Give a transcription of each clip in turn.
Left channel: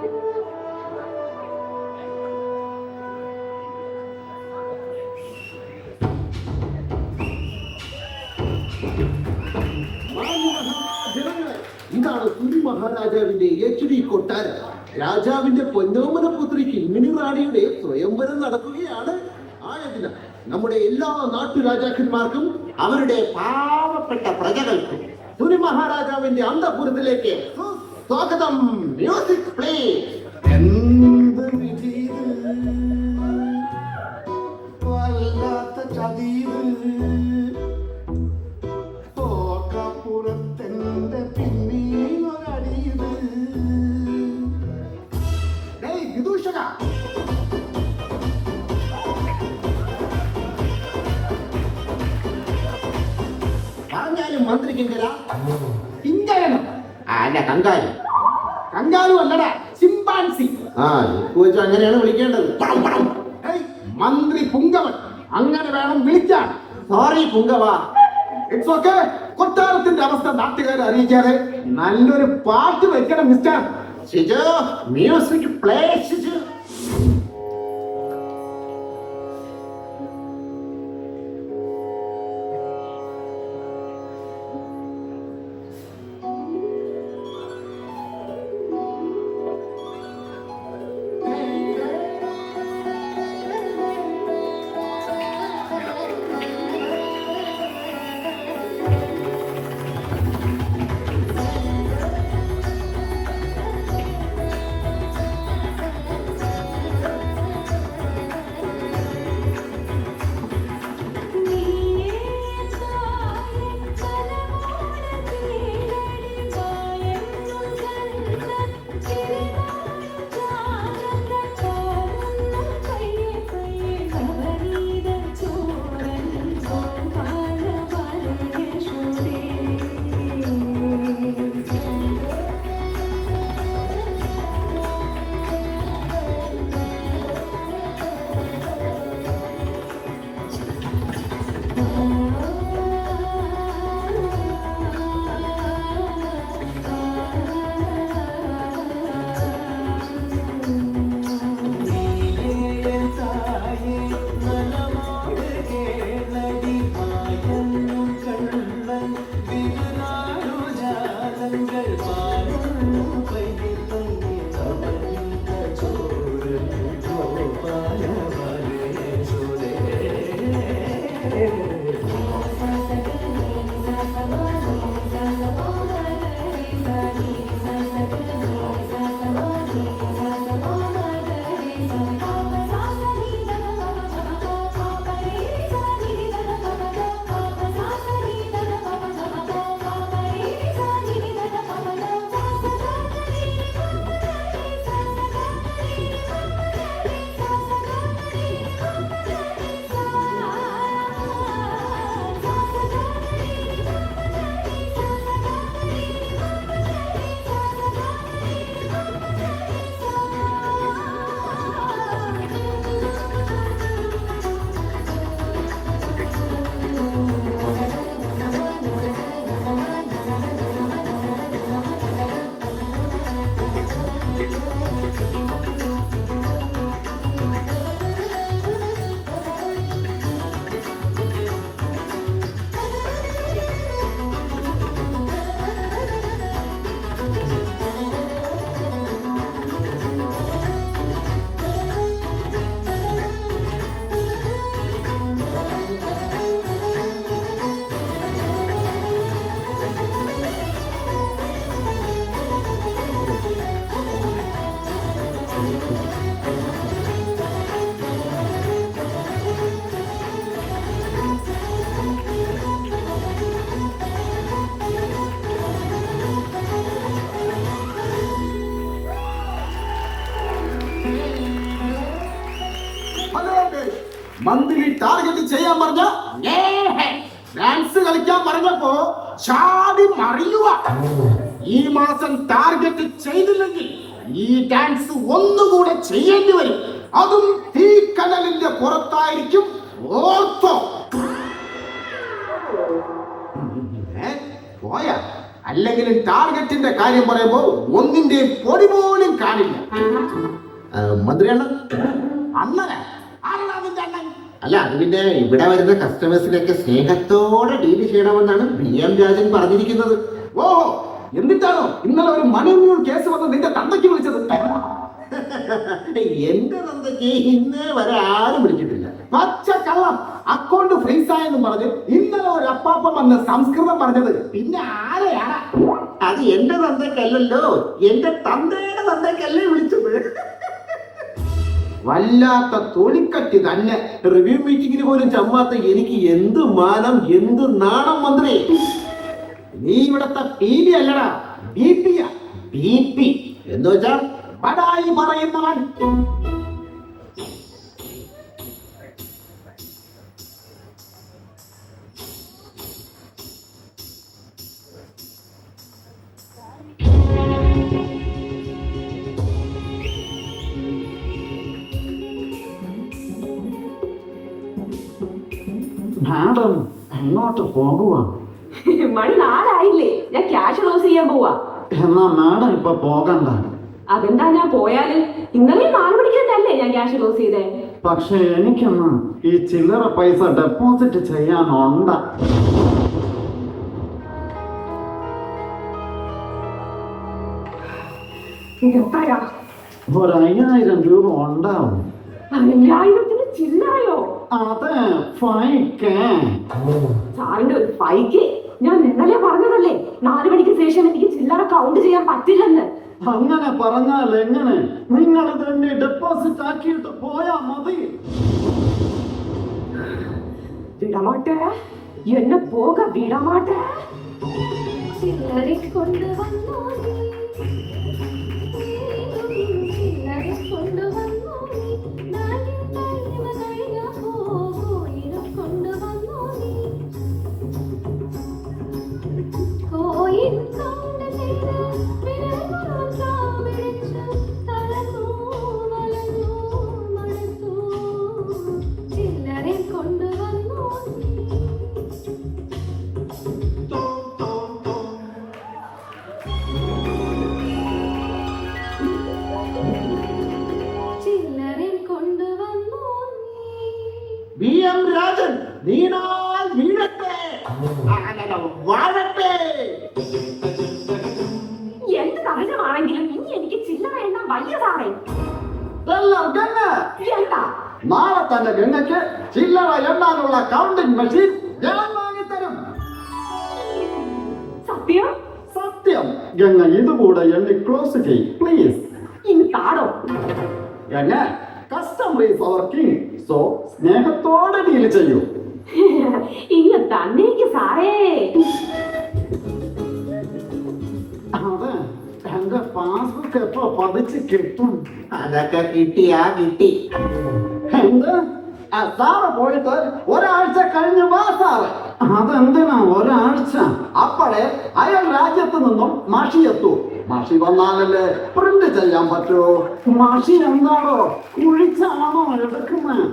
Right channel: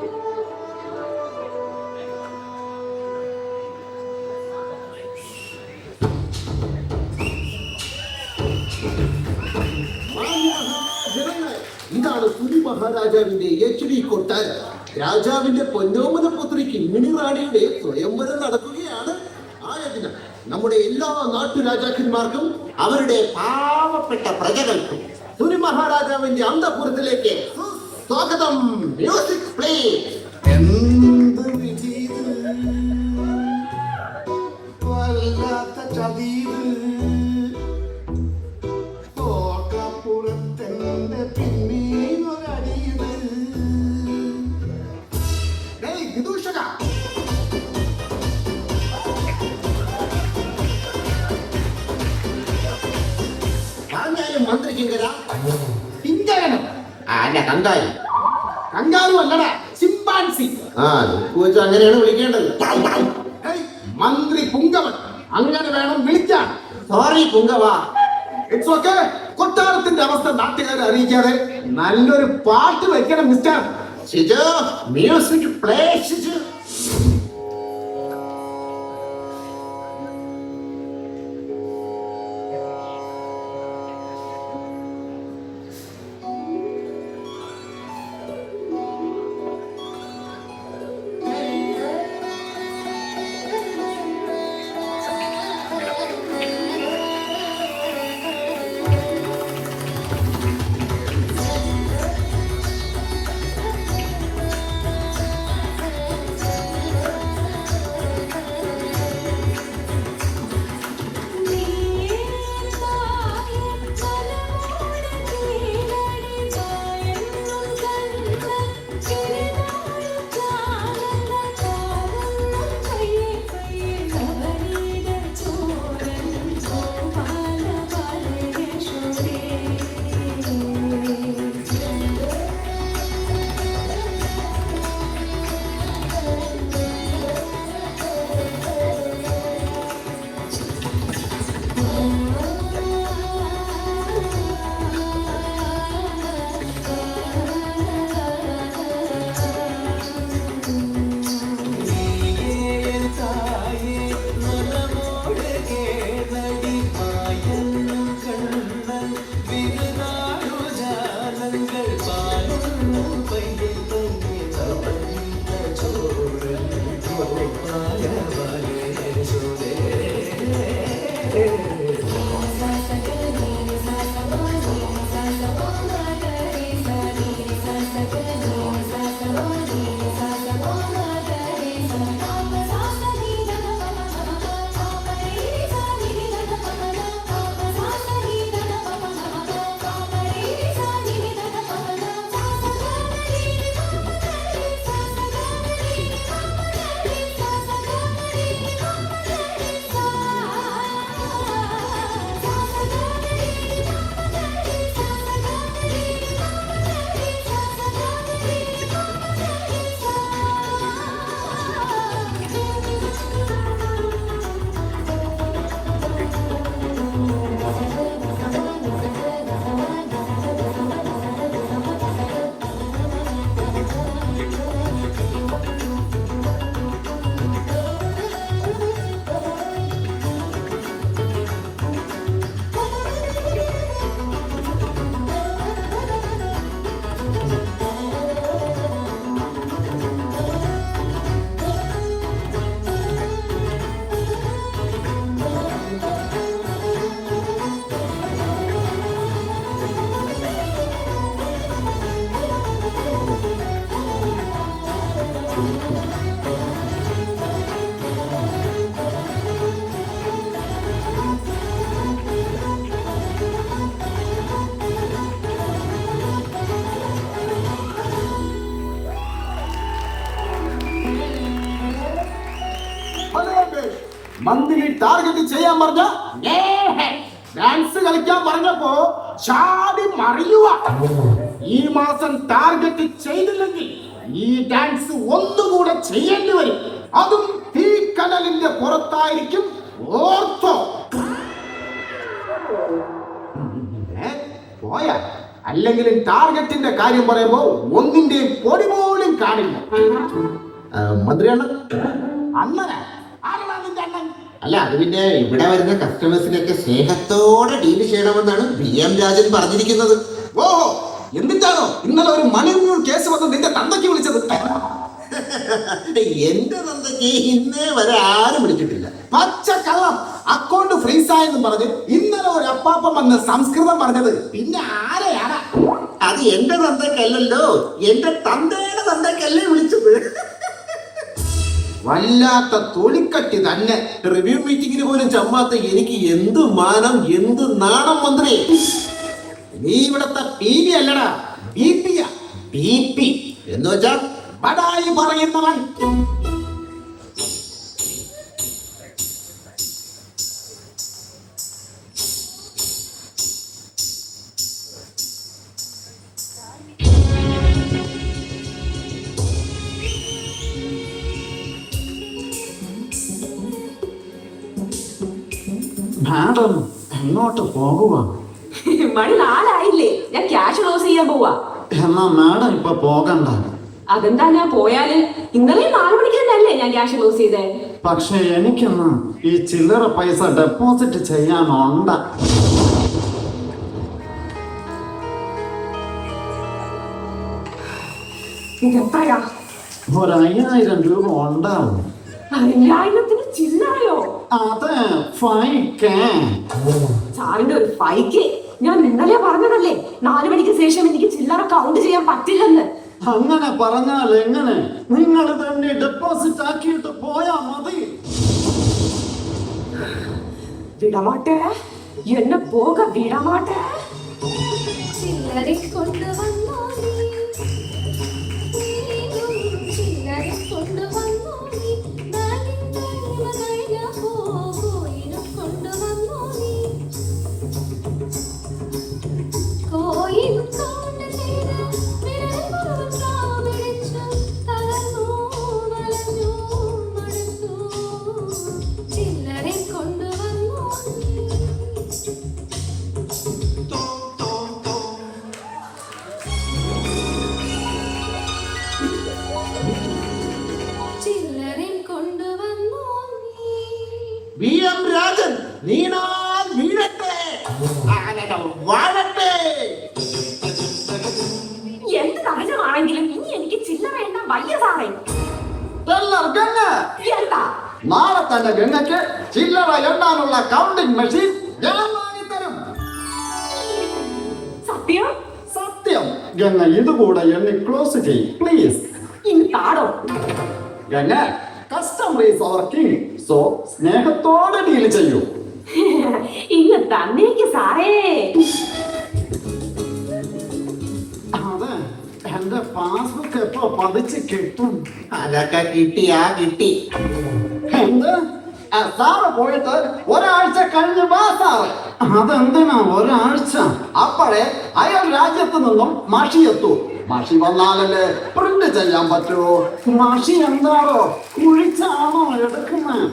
ഇതാണ് സുനി മഹാരാജാവിന്റെ HD കൊട്ടാരം. രാജാവിന്റെ പൊന്നോമന പുത്രി കിങ്ങിണി റാണിയുടെ സ്വയംവരം നടക്കുകയാണ്. ആയതിനാൽ നമ്മുടെ എല്ലാ നാട്ടുരാജാക്കന്മാർക്കും അവരുടെ പാവപ്പെട്ട പ്രജകൾക്കും സുനി മഹാരാജാവിന്റെ അന്തഃപുരത്തിലേക്ക് സ്വാഗതം. Music play. എന്ത് വിധി വല്ലാത്ത ചതീത് ഓക്കപ്പുറത്തെന്റെ പിന്നീനൊരടിയത്. വിദൂഷക മന്ത്രി കിങ്കര കിങ്കരന് അല്ല കങ്കാരി. കങ്കാരു അല്ലടാ, ചിമ്പാൻസി. അങ്ങനെയാണ് വിളിക്കേണ്ടത്. മന്ത്രി പുങ്കവൻ അങ്ങനെ വേണം വിളിക്കാൻ. സോറി പുങ്കവ. It's okay. കൊട്ടാരത്തിന്റെ അവസ്ഥ നാട്ടുകാരെ അറിയിക്കാതെ നല്ലൊരു പാട്ട് വെക്കണം mister Shiju. Music play Shiju. മന്ത്രി ടാർഗറ്റ് ചെയ്യാൻ പറഞ്ഞ ഡാൻസ് കളിക്കാൻ പറഞ്ഞപ്പോ ചാടി മറിയുക. ഈ മാസം ടാർഗറ്റ് ചെയ്തില്ലെങ്കിൽ ഈ ഡാൻസ് ഒന്നുകൂടെ ചെയ്യേണ്ടി വരും. അതും തീക്കനലിന്റെ പുറത്തായിരിക്കും. ഓർത്തോ. പോയാ അല്ലെങ്കിലും ടാർഗറ്റിന്റെ കാര്യം പറയുമ്പോ ഒന്നിന്റെയും പൊടി പോലും കാണില്ല. മന്ത്രിയാണ് അണ്ണനെ ആരാണ് നിന്റെ അണ്ണൻ? അല്ല, അത് പിന്നെ ഇവിടെ വരുന്ന കസ്റ്റമേഴ്സിനൊക്കെ സ്നേഹത്തോടെ ഡീൽ ചെയ്യണമെന്നാണ് PM രാജൻ പറഞ്ഞിരിക്കുന്നത്. ഓഹോ, എന്നിട്ടാണോ ഇന്നലെ ഒരു മണി കേസ് വന്ന് നിന്റെ തന്തയ്ക്ക് വിളിച്ചത്? എന്റെ തന്തയ്ക്ക് ഇന്നേ വരെ ആരും വിളിച്ചിട്ടില്ല. പച്ച കള്ളം. അക്കൗണ്ട് ഫ്രീസ് ആയെന്ന് പറഞ്ഞ് ഇന്നലെ ഒരു അപ്പാപ്പം വന്ന് സംസ്കൃതം പറഞ്ഞത് പിന്നെ ആരെയാണ്? അത് എന്റെ തന്തയ്ക്കല്ലല്ലോ, എന്റെ തന്തയുടെ തന്തയ്ക്കല്ലേ വിളിച്ചത്. വല്ലാത്ത തൊലിക്കട്ടി തന്നെ. റിവ്യൂ മീറ്റിംഗിന് പോലും ചമ്മാത്ത എനിക്ക് എന്ത് മാനം, എന്ത് നാണം മന്ത്രി. നീ ഇവിടത്തെ PB അല്ലടാ, BP. എന്ന് വെച്ചാ ബടായി പറയുന്നവൻ. മാഡം എങ്ങോട്ട് പോകുക? മണി 4 ആയില്ലേ? ഞാൻ ക്യാഷ് ക്ലോസ് ചെയ്യാൻ പോവാ. എന്നാ മാഡം ഇപ്പൊ പോകണ്ട. അതെന്താ ഞാൻ പോയാല്? ഇന്നലെ 4 മണിക്ക് തന്നെയല്ലേ ഞാൻ ക്യാഷ് ക്ലോസ് ചെയ്തേ. പക്ഷെ എനിക്കൊന്ന് ഈ ചില്ലറ പൈസ ഡെപ്പോസിറ്റ് ചെയ്യാനുണ്ട്. ഇതെത്രയാ? ഒരു 5000 രൂപ ഉണ്ടാവും. 5000 ചില്ലറയോ? അതെ, 5K. സാറിന്റെ ഒരു 5K. ഞാൻ ഇന്നലെ പറഞ്ഞതല്ലേ 4 മണിക്ക് ശേഷം എനിക്ക് ചില്ലറ കൗണ്ട് ചെയ്യാൻ പറ്റില്ലെന്ന്. അങ്ങനെ പറഞ്ഞാൽ എങ്ങനെ? നിങ്ങൾ തന്നെ ഡെപ്പോസിറ്റ് ആക്കിയിട്ട് പോയാ മതി. വിടമാട്ടെ, എന്നെ പോക വിടമാട്ടെ. ചില്ലറെ കൊണ്ടുവന്നോ നീ, ചില്ലറെ കൊണ്ടുവന്നോ നീ, നാട്ടിൻ്റെ കഴിഞ്ഞ കോയിനും കൊണ്ടുവന്നോ നീ, കോയിനും കൊണ്ട് ചെയ്ത വിരൽമുറുകാവിടിച്ച് തളർന്നു വളർന്നു മടുത്തു, ചില്ലറെ കൊണ്ടുവന്നോ നീ. ചില്ലറയും കൊണ്ടുവന്നോ നീ. PM രാജൻ വീണാൽ വീഴട്ടെ, വാഴട്ടെ. എന്ത് തടസ്സമാണെങ്കിലും ഇനി എനിക്ക് ചില്ലറ എണ്ണ വയ്യ സാറേ. ഗംഗ, എന്താ? നാളെ തന്നെ ഗംഗയ്ക്ക് ചില്ലറ എണ്ണാനുള്ള കൗണ്ടിംഗ് മെഷീൻ ഞാൻ വാങ്ങിത്തരും. സത്യം? സത്യം. ഗംഗ ഇതുകൂടെ എണ്ണി ക്ലോസ് ചെയ്യും പ്ലീസ്. ഇനി താടോ. Ganga, customer is our king. So സ്നേഹത്തോടെ ഡീൽ ചെയ്യൂ. ഇന്ന് തന്നേക്ക് സാറേ. അതെ, എന്റെ പാസ്ബുക്ക് എപ്പോ പതിച്ച് കിട്ടും? അതൊക്കെ കിട്ടി. എന്ത്? സാറ് പോയിട്ട് ഒരാഴ്ച കഴിഞ്ഞ് വാ സാറ്. അതെന്തിനാ ഒരാഴ്ച? അപ്പോഴേ അയാൾ രാജ്യത്ത് നിന്നും മഷി എത്തൂ. മഷി വന്നാലല്ലേ പ്രിന്റ് ചെയ്യാൻ പറ്റുമോ? മഷി എന്താണോ കുഴിച്ചാണോ എടുക്കുന്നത്?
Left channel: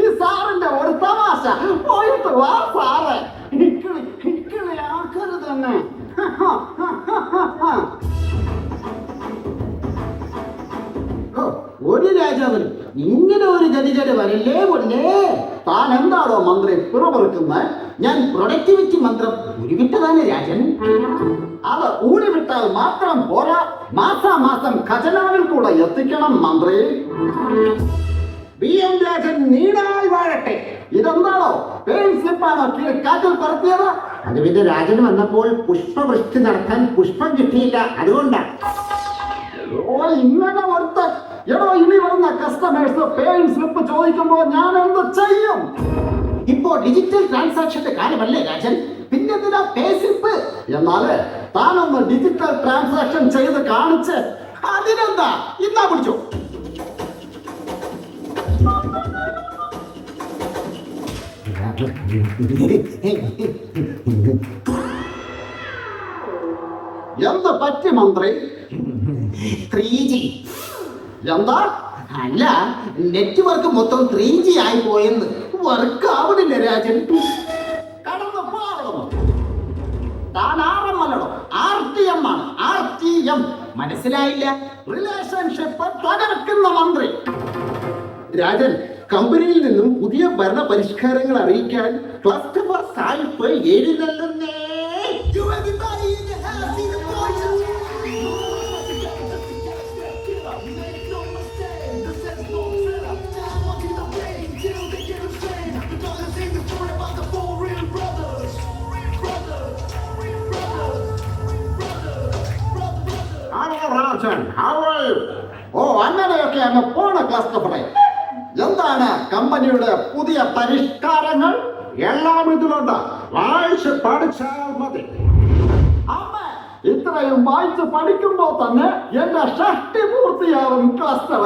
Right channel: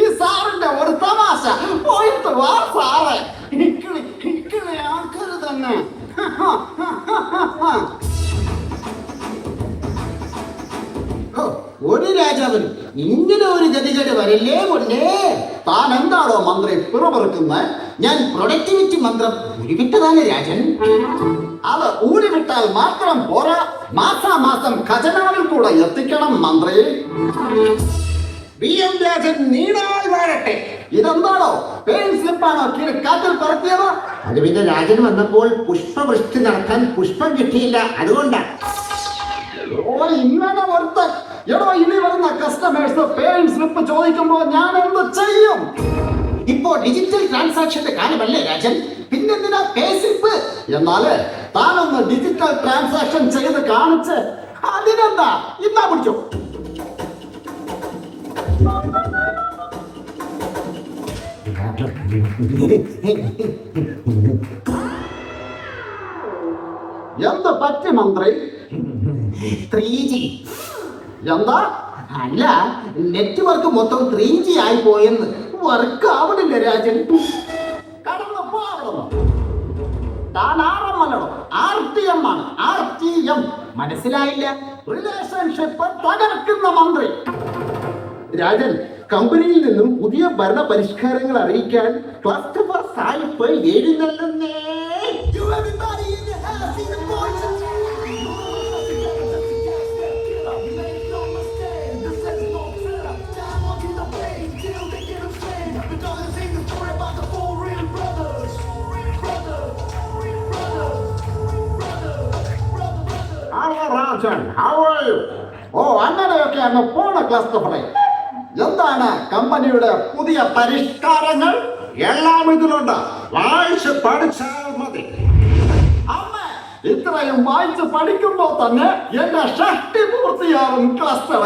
ഈ സാറിന്റെ ഒരു തമാശ. പോയിട്ട് വാ സാറേ. ഇക്കിളി ആൾക്കാര് തന്നെ. ഓ, ഒരു രാജാവിനും ഇങ്ങനെ ഒരു ഗതികേട് വരല്ലേ കൊണ്ടേ. താൻ എന്താണോ മന്ത്രി പിറവെറുക്കുന്നത്? ഞാൻ പ്രൊഡക്ടിവിറ്റി മന്ത്രം ഉരുവിട്ടതാണ് രാജൻ. അത് ഊരിവിട്ടാൽ മാത്രം പോരാ, മാസാമാസം ഖജനാവിൽ കൂടെ എത്തിക്കണം മന്ത്രി. PM രാജൻ നീടായി വാഴട്ടെ. ഇതെന്താണോ പെയിൻ സ്ലിപ്പാണോ കാറ്റിൽ പറത്തിയത്? അത് പിന്നെ രാജൻ വന്നപ്പോൾ പുഷ്പവൃഷ്ടി നടത്താൻ പുഷ്പം കിട്ടിയില്ല, അതുകൊണ്ടാണ്. ഓ, ഇങ്ങനെ ഒരുത്തൻ. എടോ, ഇനി വരുന്ന കസ്റ്റമേഴ്സ് പേയ്മെന്റ് സ്ലിപ്പ് ചോദിക്കുമ്പോ ഞാൻ എന്ത് ചെയ്യും? ഇപ്പോ ഡിജിറ്റൽ ട്രാൻസാക്ഷന്റെ കാര്യമല്ലേ രാജൻ? പിന്നെന്തിനാ പേ സ്ലിപ്പ്? എന്നാല് താനൊന്ന് ഡിജിറ്റൽ ട്രാൻസാക്ഷൻ ചെയ്ത് കാണിച്ച് അതിനെന്താ ഇന്നാ പിടിച്ചോ. എന്ത് പറ്റി മന്ത്രി? 3G. എന്താ? അല്ല, നെറ്റ്വർക്ക് മൊത്തം 3G ആയി പോയെന്ന്. വർക്ക് ആവണില്ല രാജൻ. കടന്നു പോകണം. താൻ ആറമ്മല്ലോ, RTM ആണ്, RTM. മനസ്സിലായില്ല? റിലേഷൻഷിപ്പ് തകർക്കുന്ന മന്ത്രി. രാജൻ, കമ്പനിയിൽ നിന്നും പുതിയ ഭരണ പരിഷ്കാരങ്ങൾ അറിയിക്കാൻ ക്ലസ്റ്റർ സായിപ്പ് എഴുന്നള്ളുന്നേ. Rajan, how are you? ഓ, അങ്ങനെയൊക്കെ അങ്ങ് പോണ ക്ലസ്റ്റർ. എന്താണ് കമ്പനിയുടെ പുതിയ പരിഷ്കാരങ്ങൾ? എല്ലാം ഇതിലുണ്ട്, വായിച്ച് പഠിച്ചാൽ മതി. ഇത്രയും വായിച്ച് പഠിക്കുമ്പോ തന്നെ എന്റെ ഷഷ്ടി പൂർത്തിയാവും ക്ലസ്റ്റർ.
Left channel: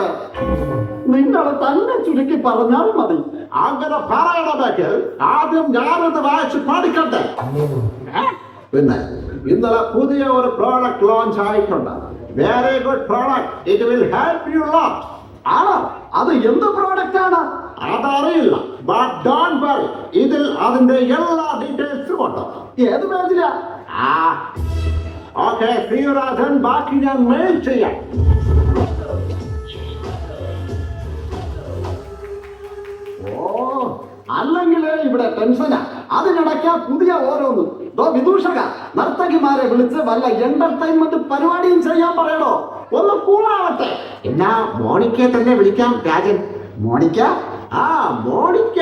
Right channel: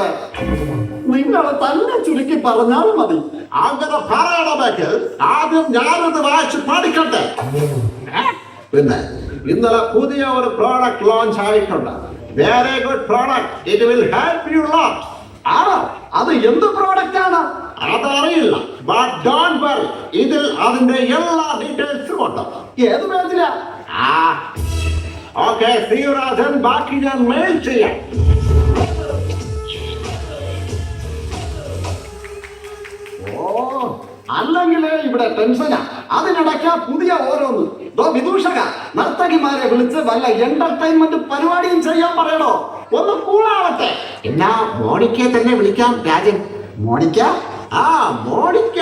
നിങ്ങൾ തന്നെ ചുരുക്കി പറഞ്ഞാൽ മതി. അങ്ങനെ പറയണമെങ്കിൽ ആദ്യം ഞാനത് വായിച്ച് പഠിക്കട്ടെ. പിന്നെ ഇന്നലെ പുതിയ ഒരു പ്രോഡക്റ്റ് ലോഞ്ച് ആയിട്ടുണ്ട്. Very good product. It will help you lot. ആണോ? അത് എന്ത് പ്രോഡക്റ്റ് ആണ്? അതറിയില്ല, ബട്ട് ഡോണ്ട് വറി, ഇതിൽ അതിന്റെ എല്ലാ ഡീറ്റെയിൽസും ഉണ്ട്. ഏത് പേജിലാ? ഓക്കെ, ശ്രീരാജൻ, ബാക്കി ഞാൻ മെയിൽ ചെയ്യാം. ഓ, അല്ലെങ്കിലേ ഇവിടെ ടെൻഷനാ. അതിനിടയ്ക്ക് പുതിയ ഓരോന്ന്. വിദൂഷക നർത്തകിമാരെ വിളിച്ച് വല്ല എന്റർടൈൻമെന്റ് പരിപാടിയും ചെയ്യാൻ പറയണോ? ഒന്ന് കൂളാവട്ടെ. എന്നാ മോണിക്കയെ തന്നെ വിളിക്കാം Rajan. Monica? Monica.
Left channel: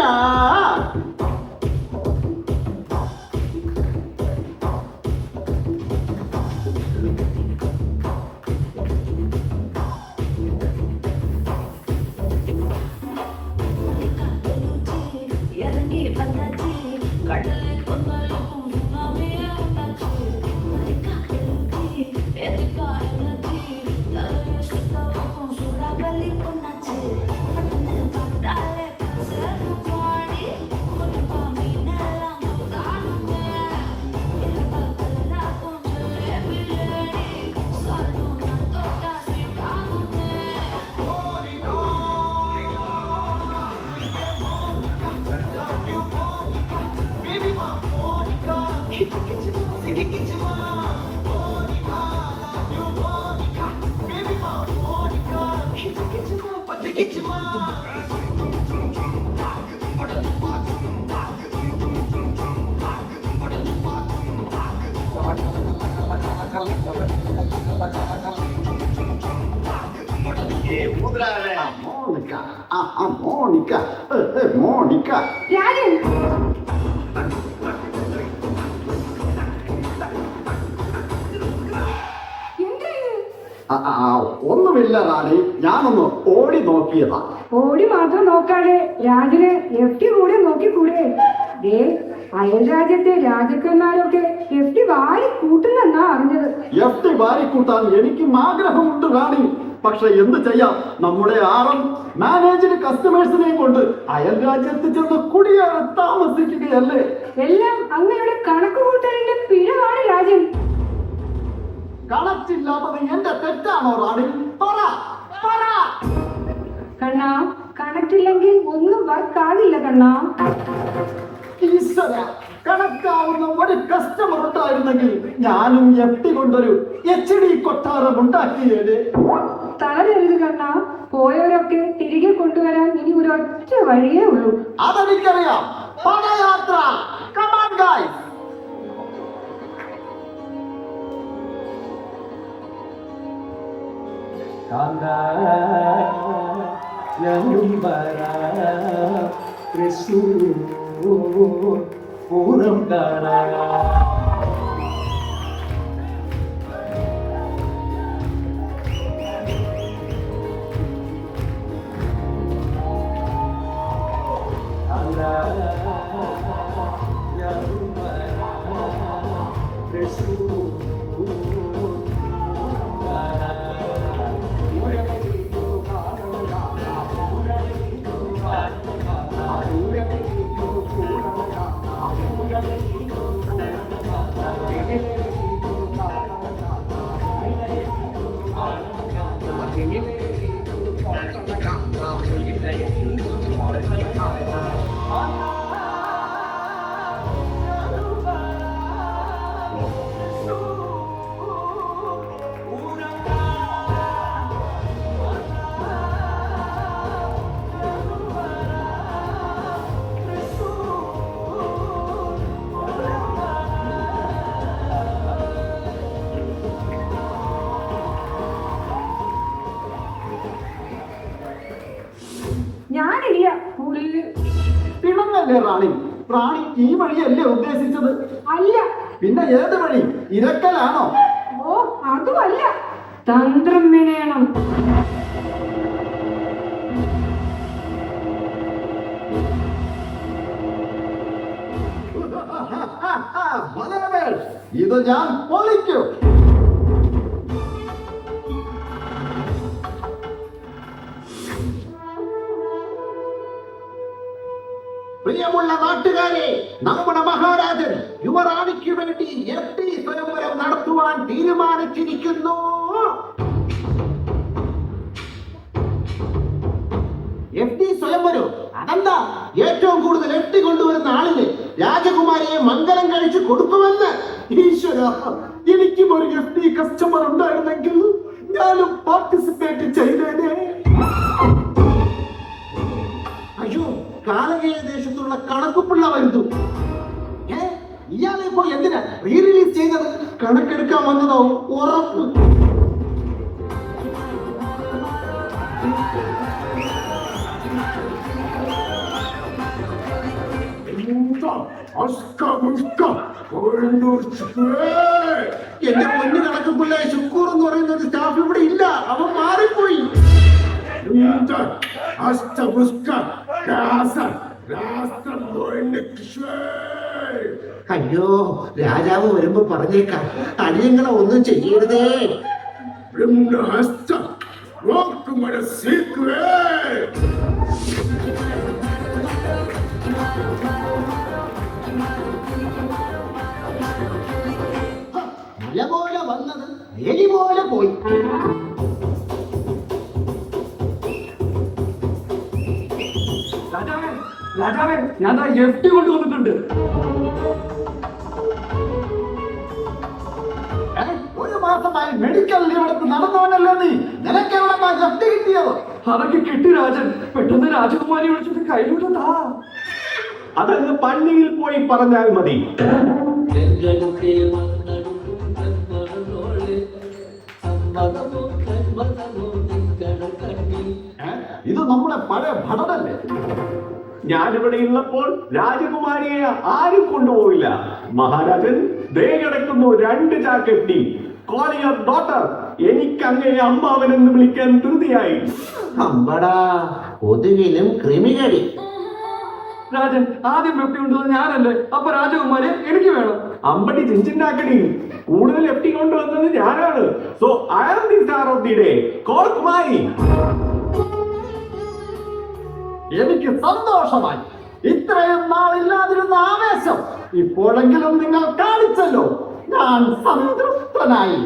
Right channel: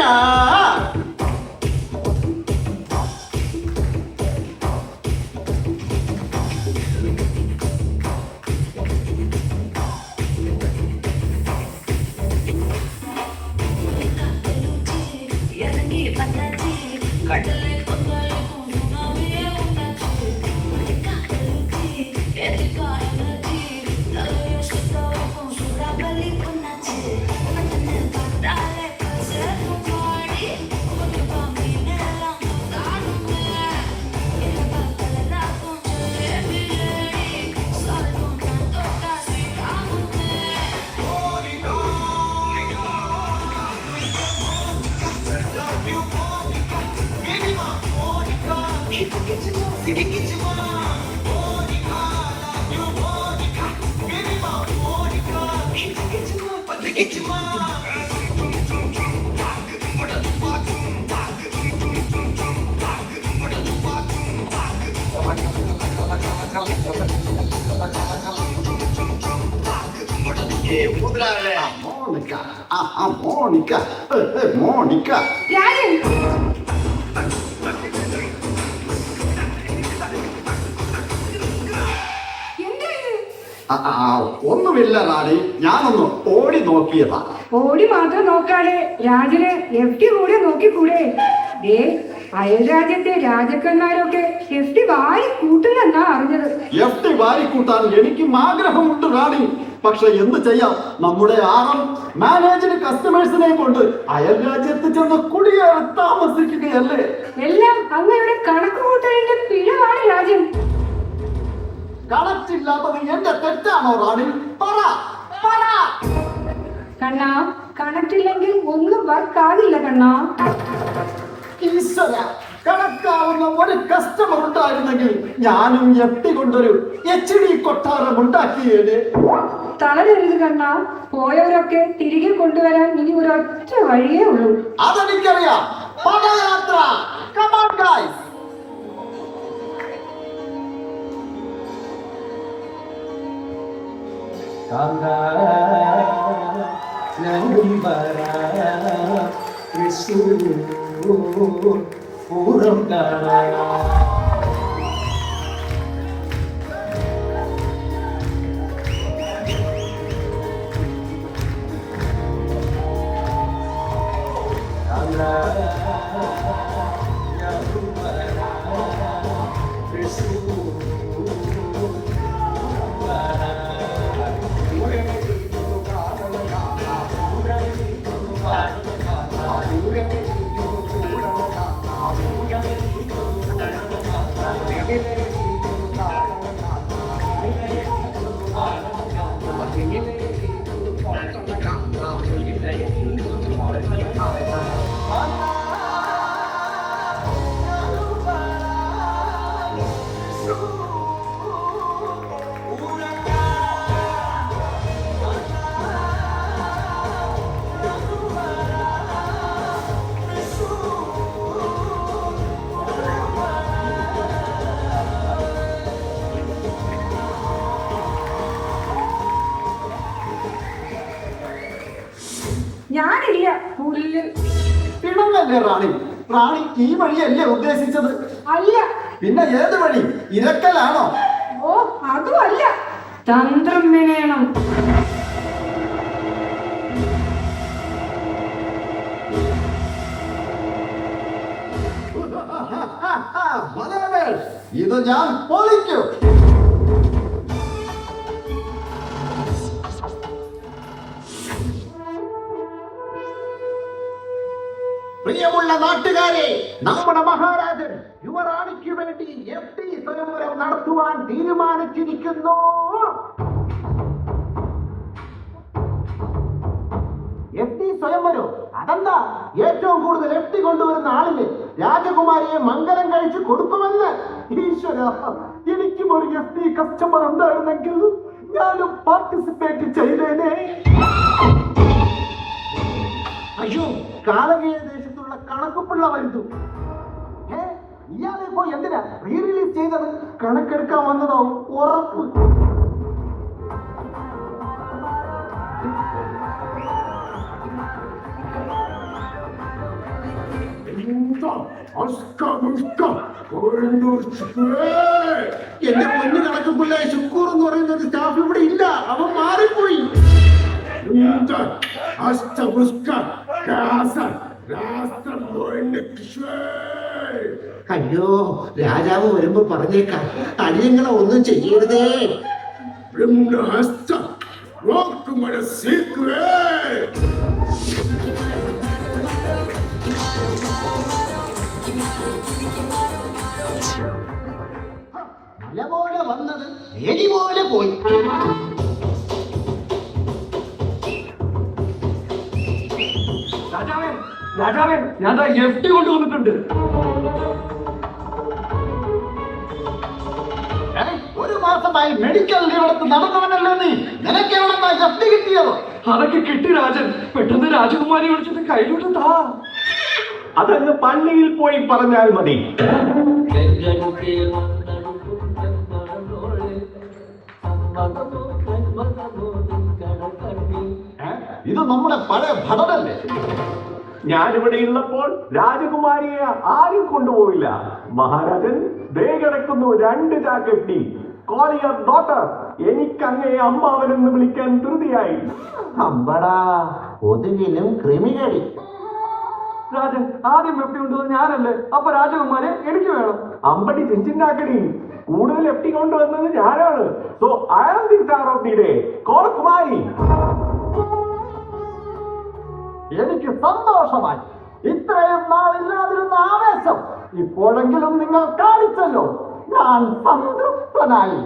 Monica. Rajan, ഒന്നുമില്ല റാണി, ഞാനൊന്ന് ഓടി നോക്കിയതാ. ഓടി മാത്രം നോക്കാതെ രാജന് FD കൂടെ നോക്കിക്കൂടെ? അയൽ രാജ്യത്തെ രാജക്കന്മാരൊക്കെ FD വാരി കൂട്ടുന്നെന്നാ അറിഞ്ഞത്. FD വാരിക്കൂട്ടാൻ എനിക്കും ആഗ്രഹമുണ്ട് റാണി. പക്ഷെ എന്ത് ചെയ്യാം, നമ്മുടെ മാനേജ്ഡ് കസ്റ്റമേഴ്സിനെ കൊണ്ട് അയൽ രാജ്യത്ത് ചെന്ന് കുടിയേറി താമസിക്കുകയല്ലേ. എല്ലാം അങ്ങയുടെ കണക്ക് കൂട്ടലിന്റെ പിഴവാണ് രാജൻ. കണക്റ്റില്ലാത്തത് എന്റെ തെറ്റാണോ റാണി? പറ. കണ്ണാ, കണക്റ്റില്ലെങ്കിൽ ഒന്നും വർക്കാകില്ല കണ്ണാ. ഈശ്വര, കണക്കാവുന്ന ഒരു കസ്റ്റമർ ഉണ്ടായിരുന്നെങ്കിൽ ഞാനും FD കൊണ്ടൊരു HD കൊട്ടാരം ഉണ്ടാക്കിയേനെ. തളരരുത് കണ്ണാ, പോയവരൊക്കെ തിരികെ കൊണ്ടുവരാൻ ഇനി ഒരൊറ്റ വഴിയേ ഉള്ളൂ. അതെനിക്കറിയാം. പദയാത്ര. Come on, guys. പൂരം കാണാ. അതല്ലേ റാണി? റാണി ഈ വഴിയല്ലേ ഉദ്ദേശിച്ചത്? അല്ല. പിന്നെ ഏത് വഴി? ഇരക്കലാണോ? ഓ അതും അല്ല, തന്ത്രം വിനയണം. ഇത് ഞാൻ പൊളിക്കും. പ്രിയമുള്ള നാട്ടുകാരെ, നമ്മുടെ മഹാരാജൻ യുവറാണിക്ക് വേണ്ടി FD സ്വയംവരം നടത്തുവാൻ തീരുമാനിച്ചിരിക്കുന്നു. FD സ്വയംവരം അതെന്താ? ഏറ്റവും കൂടുതൽ FD കൊണ്ടുവരുന്ന ആളിന് രാജകുമാരിയെ മംഗലം കഴിച്ചു കൊടുക്കുമെന്ന്. ഈശ്വര, എനിക്കും ഒരു FD കസ്റ്റമർ ഉണ്ടായിരുന്നെങ്കിൽ ഞാനും പാർട്ടിസിപ്പേറ്റ് ചെയ്തേനെ. അയ്യോ, കാലകേയ ദേശത്തുള്ള കണക്കുപിള്ള വരുന്നു. ഇയാളെ ഇപ്പോ എന്തിനാ റീ റിലീസ് ചെയ്തത്? കണക്കെടുക്കാൻ വന്നതോ ഉറപ്പ്. എന്റെ പൊന്നു കണക്കുപിള്ള ശുക്കൂർ എന്ന് പറയുന്ന ഒരു സ്റ്റാഫ് ഇവിടെ ഇല്ല, അവൻ മാറിപ്പോയി. അയ്യോ, രാജാവ് വരുമ്പോ പറഞ്ഞേക്കാം, അടിയങ്ങളെ ഒന്നും ചെയ്യരുതേ. മല പോലെ വന്നത് എലി പോലെ പോയി. രാജാവേ, ഞാൻ FD കൊണ്ടുവന്നിട്ടുണ്ട്. ഒരു മാസമായി മെഡിക്കൽ ലീവെടുത്ത് നടന്നവനല്ലോ നീ. നിനക്കെവിടെന്നാ FD കിട്ടിയത്? അതൊക്കെ കിട്ടി രാജൻ. പെട്ടെന്ന് രാജകുമാരി വിളിച്ചിട്ട് കയ്യിലോട്ട് താ. അതങ്ങ് പള്ളിയിൽ പോയി പറഞ്ഞാൽ മതി. ഇത് നമ്മുടെ പഴയ ഭടനല്ലേ? ഞാനിവിടെ ഉള്ളപ്പോൾ രാജകുമാരിയെ ആരും കൊണ്ടുപോവില്ല. മഹാരാജൻ ദേ കിടക്കുന്നു 2 ചാക്ക് FD. Call your daughter. എനിക്ക് അങ്ങയെ അമ്മാവനെന്ന് വിളിക്കാൻ ധൃതിയായി. അമ്പടാ, കൊതുകിലും ക്രിമികടി. രാജൻ, ആദ്യം FD കൊണ്ടുവന്നത് ഞാനല്ലേ? അപ്പൊ രാജകുമാരി എനിക്ക് വേണം. അമ്പടി ചിഞ്ചിണ്ടാക്കടി. കൂടുതൽ FD കൊണ്ടുവന്നത് ഞാനാണ്. So I am the star of the day. കോൾ കുമാരി. എനിക്ക് സന്തോഷമായി. ഇത്രയും നാളില്ലാതിരുന്ന ആവേശം ഇപ്പോഴെങ്കിലും നിങ്ങൾ കാണിച്ചല്ലോ. ഞാൻ സംതൃപ്തനായി.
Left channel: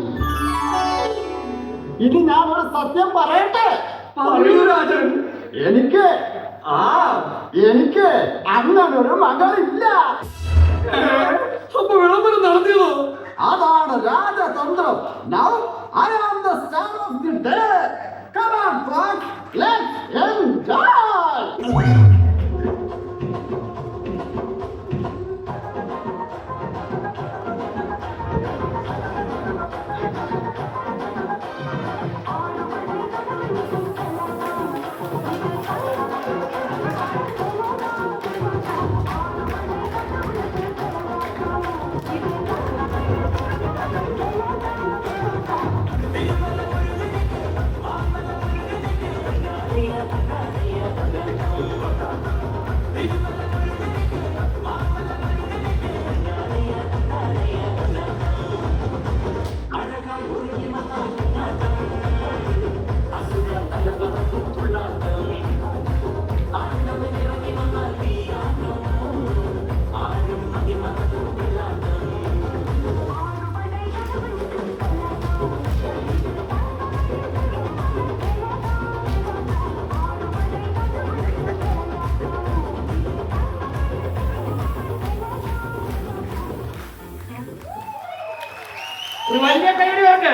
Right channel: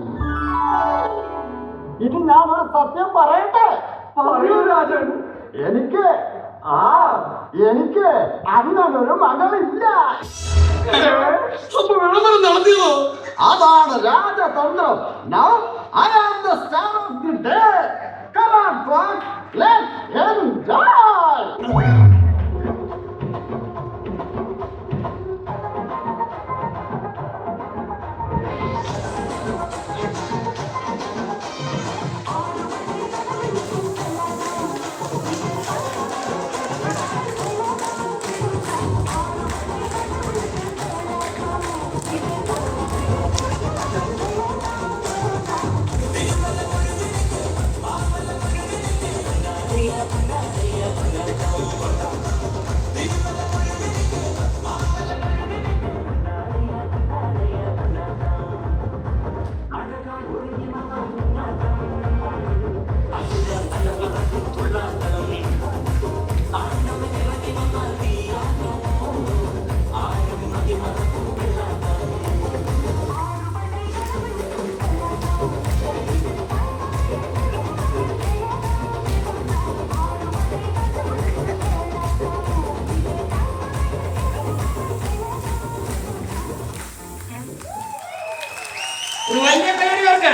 ഇനി ഞാൻ ഒരു സത്യം പറയട്ടെ? പറയൂ രാജൻ. എനിക്ക് അങ്ങനൊരു മകളില്ല. അപ്പൊ വിളംബരം നടത്തിയതോ? അതാണ് രാജതന്ത്രം. Now I am the star of the day. Come on, folks, let's enjoy. ഒരു വലിയ പേരുണ്ട്.